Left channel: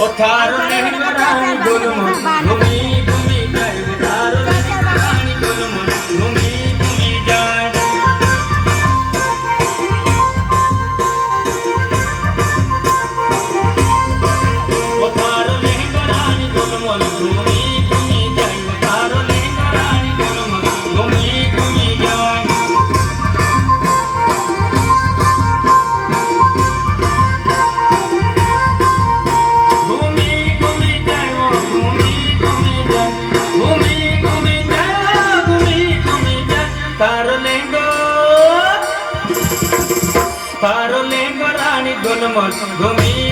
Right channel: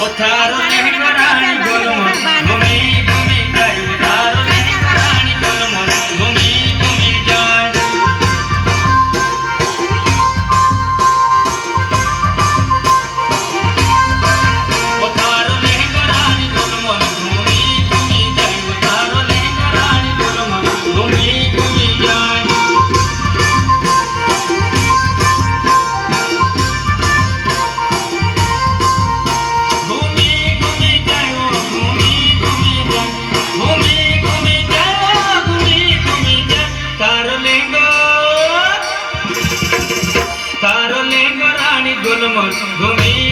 ও তার লেহেঙ্গা রানী গোলমল ঘুমি ঘুমি যায় তার লেহেঙ্গা রানী গোলমল ঘুমি ঘুমি যায় ও তার লেহেঙ্গা রানী গোলমল ঘুমি ঘুমি যায় তার লেহেঙ্গা রানী গোলমল ঘুমি ঘুমি যায় तारो लेंगो रानी गोलमल घूमी